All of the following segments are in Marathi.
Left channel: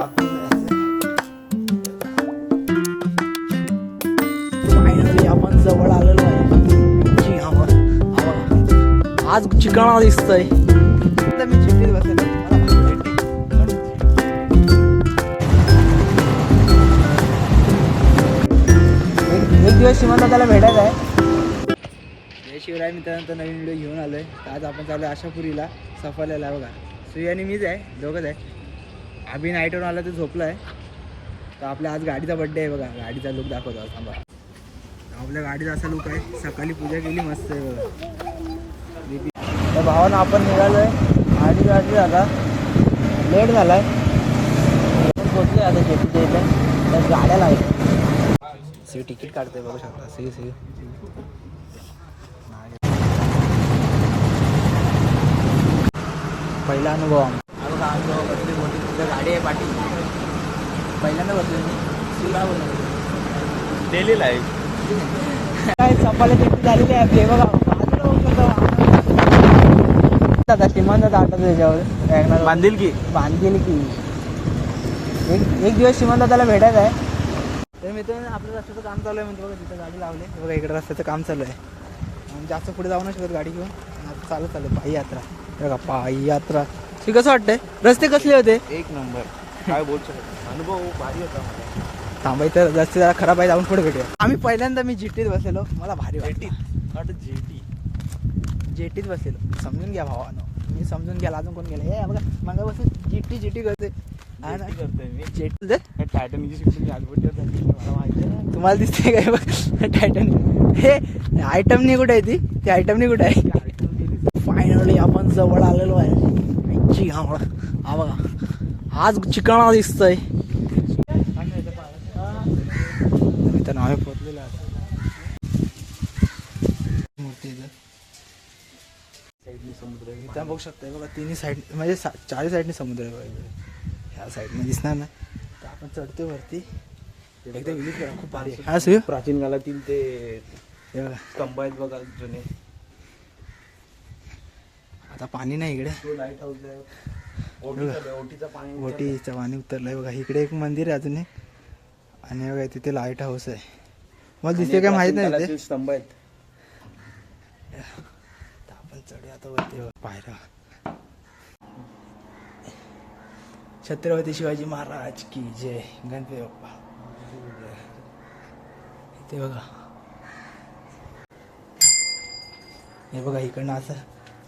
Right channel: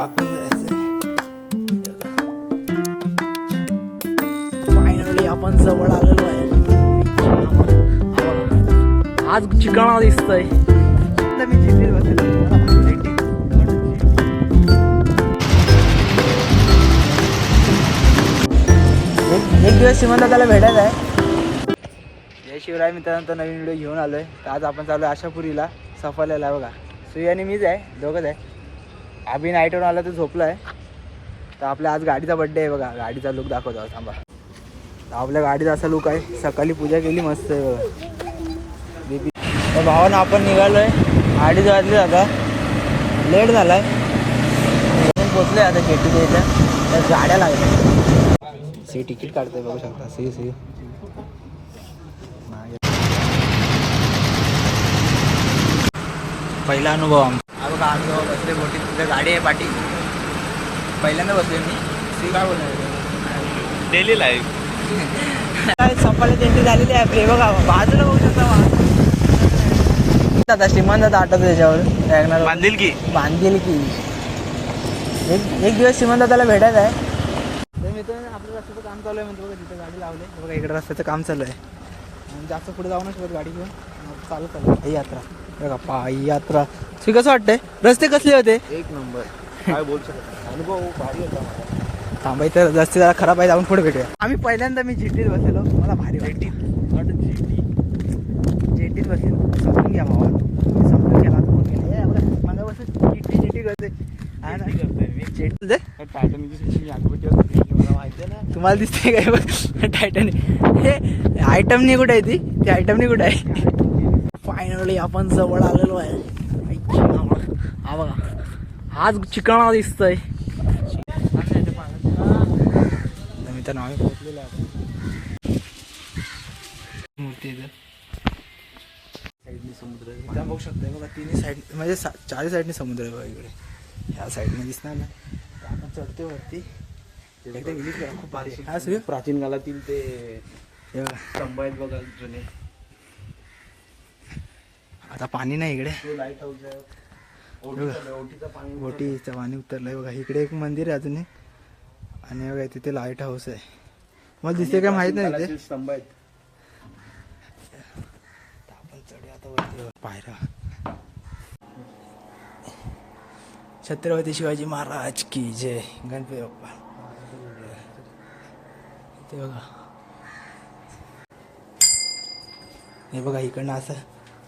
वाकून जायचं. फायनली आपण जवळ आलेलो आहे. आज चिकणा दिसतंय. मी चिठ्ठीत बसलेलो. एक दिवस श्रीमंत त्याला भेटायचं आहे. जय शिवराय मित्रांनो, नवीन व्हिडिओ घेऊन आलोय. तर आज आपण चालू आहे आशापुरीला सफरला. बघा सुई आणि मीच आहे, दोघंच आहे. अभि नाईटवर आला तर झोपला आहे. तर आपल्या आज गाडीचा बड्डे आहे. बघा गाडीचा लुक दाखवतो थांबा. आपल्या गाडीचा असा लुक आहे. सकाळी पूजा केली मस्त आहे बघा. तर भावानं आपण निघालो आहे. गाडी जायची आता लेट झाला आहे. पोचले आता जेटीच्या इथं. त्या गाड्या लागल्या. सी तिकीट काढतोय बघू शकता. सी पहिला अनुभव आमचा. बघा अनुभव बसले मोठी तिथं गाडी आहे पाठी. पहिल्यांदा बसले मी. शिवराय बोलायचं डेली लाईफ काय सफाळी त्यांची झालेली आहे आपली. बघा बाजूला बघू शकता. आता श्रीमंत आठवतो त्याच्यावर बांधील की एक दिवस श्रीमंत त्याला भेटायचं आहे. तर मित्रांनो आपल्या रस्त्याचं काम चालू आहे. म्हणजे बघा तिथे गाडी लावली. बघा इकडे रस्त्याचं काम चालू आहे. आणि जास्त पुढे जाऊ शकत गाडी घेऊन. चालू पायी यात्रा. बघा पायी यात्रा. ठीक कसं वाटतंय? रस्ते कसले होते? एक नंबर. काय बोलू शकत. अनुभव भारी होता मला. थांबायचं रस्ते जरा खराब आहे. जाऊन पुढे भेटूया. आम्ही पहिल्यांदा मी जेटीत बसलेलो. मला भारी वाटतं. जेटीत बसलेलो. समजून घ्या भावा. मी समजून घ्या. आता फोन केला. हे बघा मला बस जेटी करते. हा ना जेटी तुम्हाला दिसते काय बघ टायटॅनिक. हे आयटमनी कुठे आहे? ती आयटमनी कुठे आहे? फायनली आपण जवळ आलेलो आहे. हा बघा आज चिकणा दिसतंय. तर आम्ही पोहोचलेलो आहे. मूर्ती साईडनी समुद्र आहे. त्या बघू शकता. बघा तिन्ही साईड म्हणजे चारही साईडने समुद्र आहे बघा. इकडे ह्या साईडने दिसणार नाही. तर आपण चढतोय वरती. एकदा विजिट करा. खूप भारी आहे. हा सुय प्राचीन काळातील ते स्तंभ आहेत बघा जुने. आता पाणी नाही इकडे. लाईट हाऊस आहे. ओटीचं पाणी उतरलंय बघा. इकडे एक मंदिर आहे अजून एक. आणि बघा तिथे लाईट हाऊस आहे. मला दिसते काय माहित नाही तिथे स्तंभ आहेत. आपण चढूया आता वरती. पायऱ्या. छत्रपती शिवाजी महाराज की जय. गणपती बाप्पा. इथे बघा. हे बघा इकडनं असं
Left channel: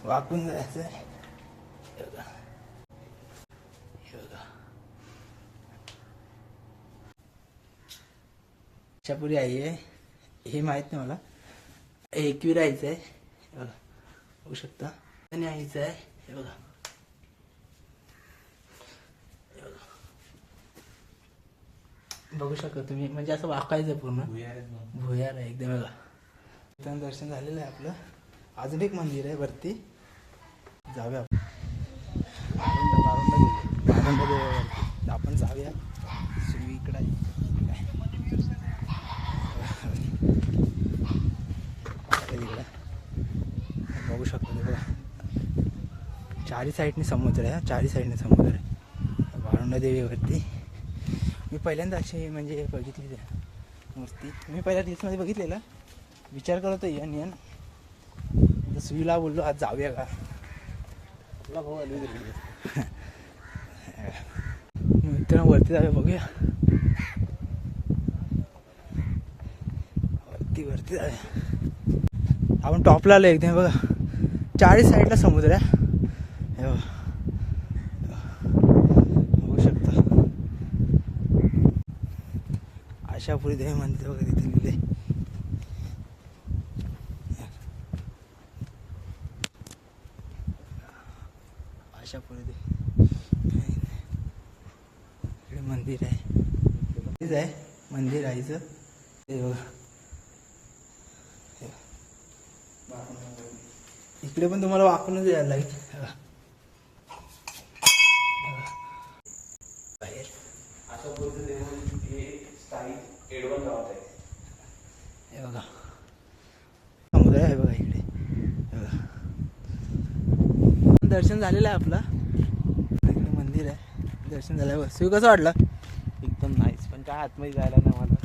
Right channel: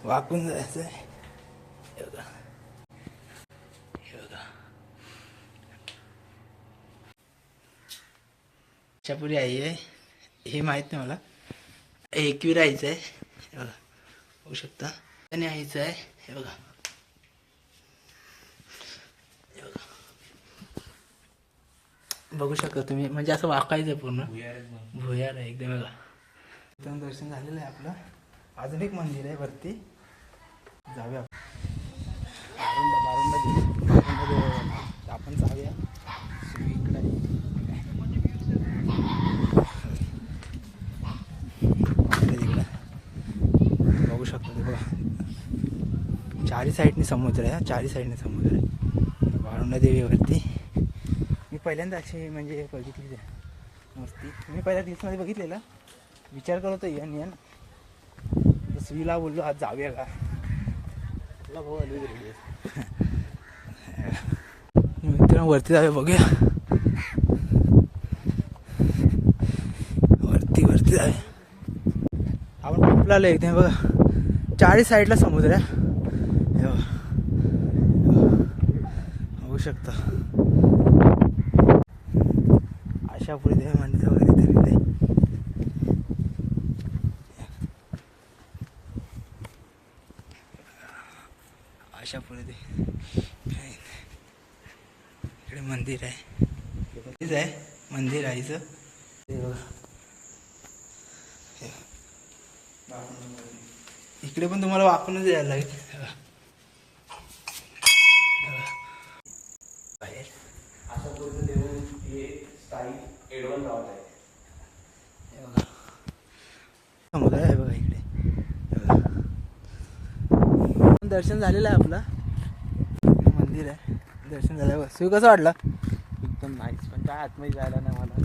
वाकून जायचं आहे. हे बघा आशापुरी आई आहे. हे माहीत नाही मला. एकवीर आईचं आहे. हे बघा बघू शकता. आणि आईचं आहे. हे बघा बघू शकता तुम्ही. म्हणजे असं वाकायचं पूर्ण भुयार आहे एकदम. बघा इथं दर्शन झालेलं आहे आपलं. अजून एक मंदिर आहे वरती. जाऊया बारुंडा आपण जाऊया. इकडे बघू शकतो. ते बघा चारी साईडने समुद्र आहे. चारी साईडने समुद्र आहे. बारुंडा देवीवरती मी पहिल्यांदा अशी म्हणजे बघितली मूर्ती. मी पहिल्या रील्समध्ये बघितलेला. विचार करतो येन सुईला बोललो आज जाऊया का. तुला भाऊ आली मित्रांनो वरती जाऊया. बघूया वरती जाऊया. आपण टॉपला आलो एकदम. बघा चारी साईडला समुद्र आहे. हे बघू शकता. आशापुरी देवी मंदिर वगैरे तिथे आशापुरी देवी. इकडे मंदिर आहे. मंदिर आईचं. इकडे पण तुम्हाला वाकूनच यायला लागेल. बाहेर आशापुरीचं देऊळ हे स्थायिक एडवण गावात आहे. हे बघा समुद्र आहे बघा इकडे. दर्शन झालेलं आहे आपलं. मंदिर आहे. दर्शन झालं बघ. सुई कसं वाटलं? एकदम नाईस, पण काय आतमध्ये जायला नाही मला.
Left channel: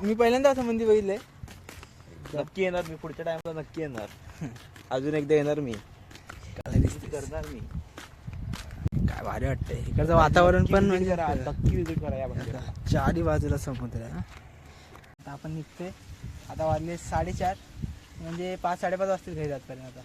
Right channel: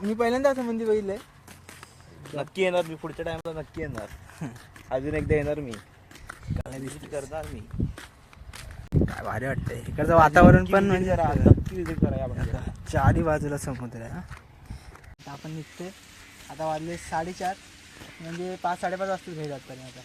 मी पहिल्यांदा असं मंदिर बघितलंय. नक्की येणार मी पुढच्या टाइमला, नक्की येणार. अजून एकदा येणार मी, काय दिसते करणार मी. काय भारी वाटतंय इकडचं वातावरण पण म्हणजे नक्की विजिट करा या मंदिराला. चारी बाजूला समुद्र आहे. आता आपण निघतोय. आता वाजले 4:30, म्हणजे 5-5:30 वाजता घरी जात आता.